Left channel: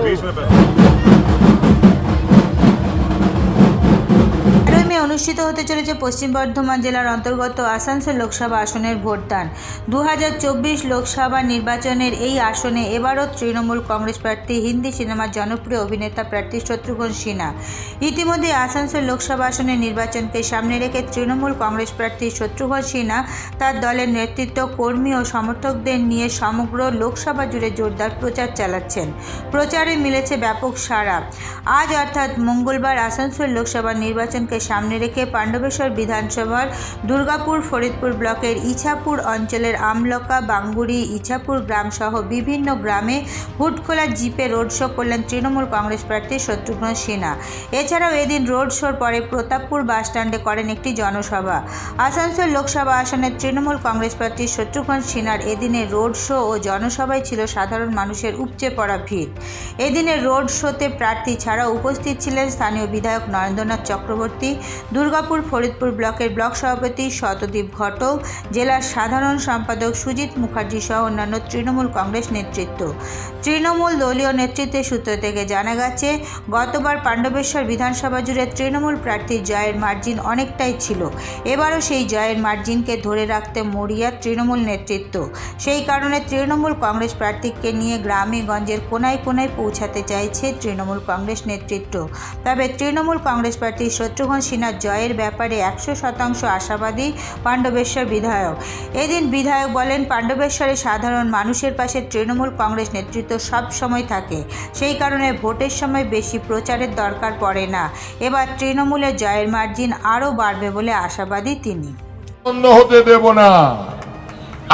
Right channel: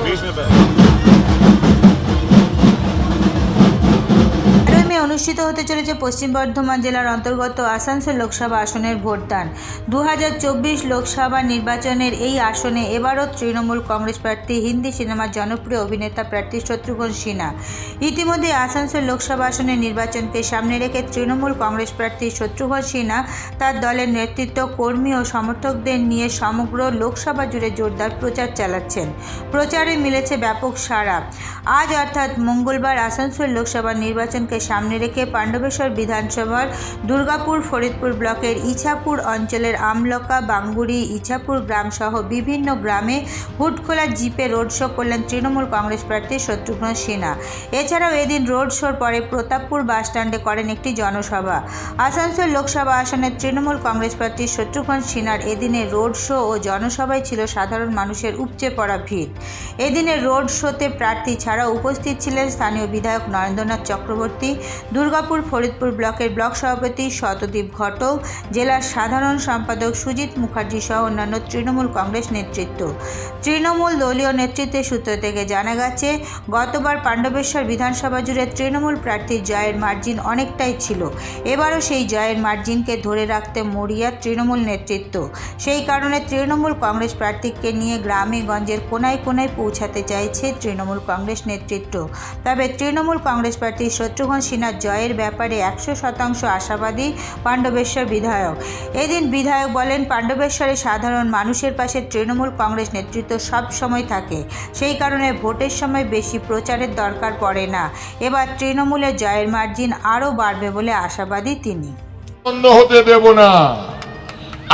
Please, অনুষ্ঠিত হতে চলেছে পশ্চিম বর্ধমান জেলার অন্তর্গত আসানসোল লোকসভা আসনের ভোটদান। দু হাজার চব্বিশ লোকসভা নির্বাচনের এই আসনে এবারও তৃণমূল কংগ্রেস প্রার্থী, হিন্দি সিনেমার জনপ্রিয় অভিনেতা প্রার্থী শত্রুঘ্ন সিনহা। ইতিমধ্যে আসানসোল লোকসভা আসনের নির্বাচনকে সামনে রেখে তৃণমূল কংগ্রেস প্রার্থী শত্রুঘ্ন সিনহা তার দলের নেতৃত্ব, কর্মী ও সমর্থকদের নিয়ে সমগ্র লোকসভা জুড়ে জোরদার প্রচার চালাচ্ছেন। প্রচারে মিলেছে ব্যাপক সাড়া। আজ অর্থাৎ মঙ্গলবার আসানসোল লোকসভা নির্বাচনকে সামনে রেখে পাণ্ডবেশ্বর বিধানসভার দুর্গাপুর ফরিদপুর ব্লকের ইছাপুর অঞ্চলের আমলকা, বাঙ্গুড়ি, ইছাপুর গ্রামসহ বিভিন্ন গ্রামে হুটখোলা জিপে রোড শো করলেন তৃণমূল কংগ্রেস প্রার্থী শত্রুঘ্ন সিনহা এছাড়াও এদিন রোড শোর পরে প্রতাপপুর বাসস্ট্যান্ডে করেন একটি জনসভা। আসানসোল লোকসভা আসনের তৃণমূল কংগ্রেস প্রার্থী শত্রুঘ্ন সিনহার এদিনের রোড শো ও জনসভায় ছিল সাধারণ মানুষের উপচে পড়া ভিড়। এদিনের রোড শোতে প্রার্থী ছাড়াও উপস্থিত ছিলেন স্থানীয় বিধায়ক নরেন্দ্রনাথ চক্রবর্তী দুর্গাপুর ফরিদপুর ব্লকের ব্লক সভাপতি শতদীপ ঘটক, জেলার সাধারণ সম্পাদক সুজিত মুখার্জি সহ অন্যান্য তৃণমূল কংগ্রেস নেতৃত্ব। তৃণমূল দলীয় নেতৃত্বের সূত্র থেকে জানা গেছে, গতবার পাণ্ডবেশ্বর বিধানসভা জুড়ে তৃণমূল প্রার্থীর জয়ের মার্জিন অনেকটাই ছিল। এবারও সেই জয়ের মার্জিনকে ধরে রাখতে মরিয়া তৃণমূল নেতৃত্ব। সেই কারণে তৃণমূল কংগ্রেস প্রার্থীকে নিয়ে গ্রামে গঞ্জের কোনায় কোনায় পৌঁছাতে চাইছে তৃণমূল কংগ্রেস নেতৃত্ব। তবে তৃণমূল কংগ্রেস প্রার্থী শত্রুঘ্ন সিনহার জয়ের ব্যাপারে একশো শতাংশ আশাবাদী পাণ্ডবেশ্বর বিধায়ক। এদিন বিধায়ক বলেন, পাণ্ডবেশ্বরে সাধারণ মানুষের পাশে তৃণমূল কংগ্রেস নেতৃত্ব সব সময় থাকে। সেই কারণে ভোটের সময় বেশি প্রচারের দরকার পড়ে না। এবার তৃণমূলের জয়ের মার্জিন আরও বাড়বে বলে আশাবাদী তিনি। হতে দেব না।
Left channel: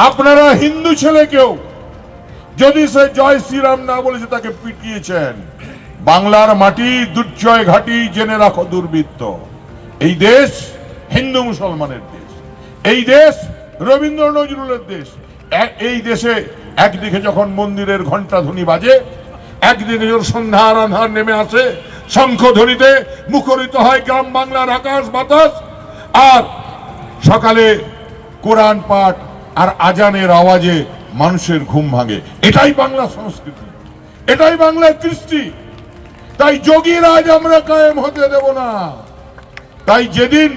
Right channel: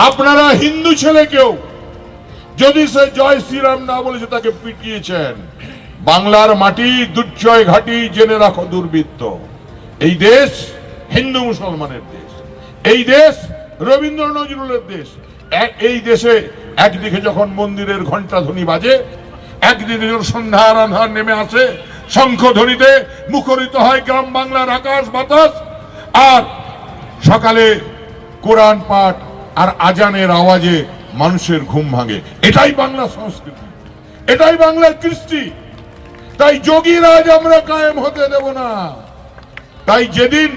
আপনারা হিন্দু ছেলেকেও যদি সে জয় শ্রীরাম না বলেছে তাকে পিটিয়েছেন, বাংলার মাটি, দুর্জয় ঘাটি জেনে রাখো দুর্বৃত্ত। এই দেশ হিন্দু মুসলমানের দেশ। এই দেশ রবীন্দ্র নজরুলের দেশ। এই দেশে একদিকে যখন মন্দিরের ঘণ্টা ধ্বনি বাজে, একদিকে যখন সন্ধ্যার আন্ধার নেমে আসে, শঙ্খ ধ্বনিতে মুখরিত হয় গ্রাম বাংলার আকাশ বাতাস, আর সকালে কোরআন পাঠ আর আজানের আওয়াজে মানুষের ঘুম ভাঙে। এটাই বাংলা সংস্কৃতি। এটাই বাংলার কৃষ্টি। তাই যোগীর আজ আমরা কায়েম হতে দেব না। তাই যেদিন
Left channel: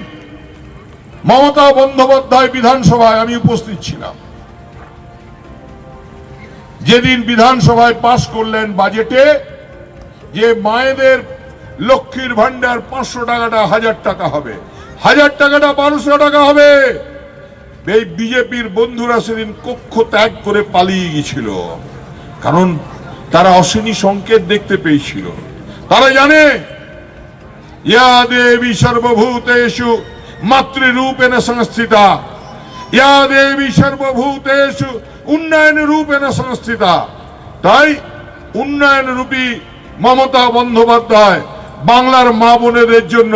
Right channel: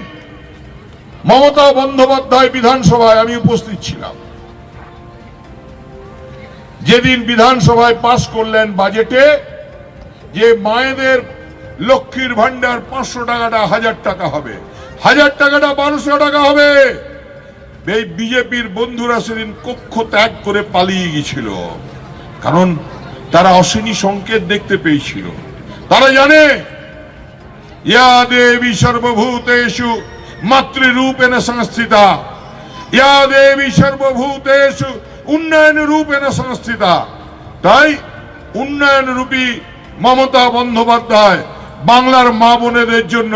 মমতা বন্দ্যোপাধ্যায় বিধানসভায় আমি উপস্থিত ছিলাম, যেদিন বিধানসভায় পাশ করলেন বাজেটে, যে মায়েদের লক্ষ্মীর ভান্ডার পাঁচশো টাকাটা, হাজার টাকা হবে। হাজার টাকাটা বারোশো টাকা হবে। এই বিজেপির বন্ধুরা সেদিন কক্ষ ত্যাগ করে পালিয়ে গেছিল কারণ তারা অশ্বিনী সংকেত দেখতে পেয়েছিল। তারা জানে ইয়া দেবী সর্বভূতেষু, মাতৃরূপেণ সংস্থিতা। ইয়া দেবী সর্বভূতেষু উন্নয়ন রূপেণ সংস্থিতা। তাই উন্নয়ন রূপী মমতা বন্দ্যোপাধ্যায় বাংলার মা বোনেদের জন্য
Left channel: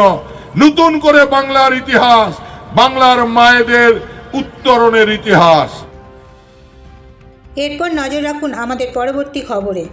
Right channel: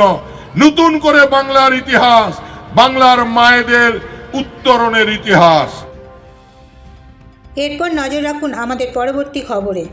নতুন করে বাংলার ইতিহাস, বাংলার মায়েদের উত্তরণের ইতিহাস। এরপর নজর রাখুন আমাদের পরবর্তী খবরে।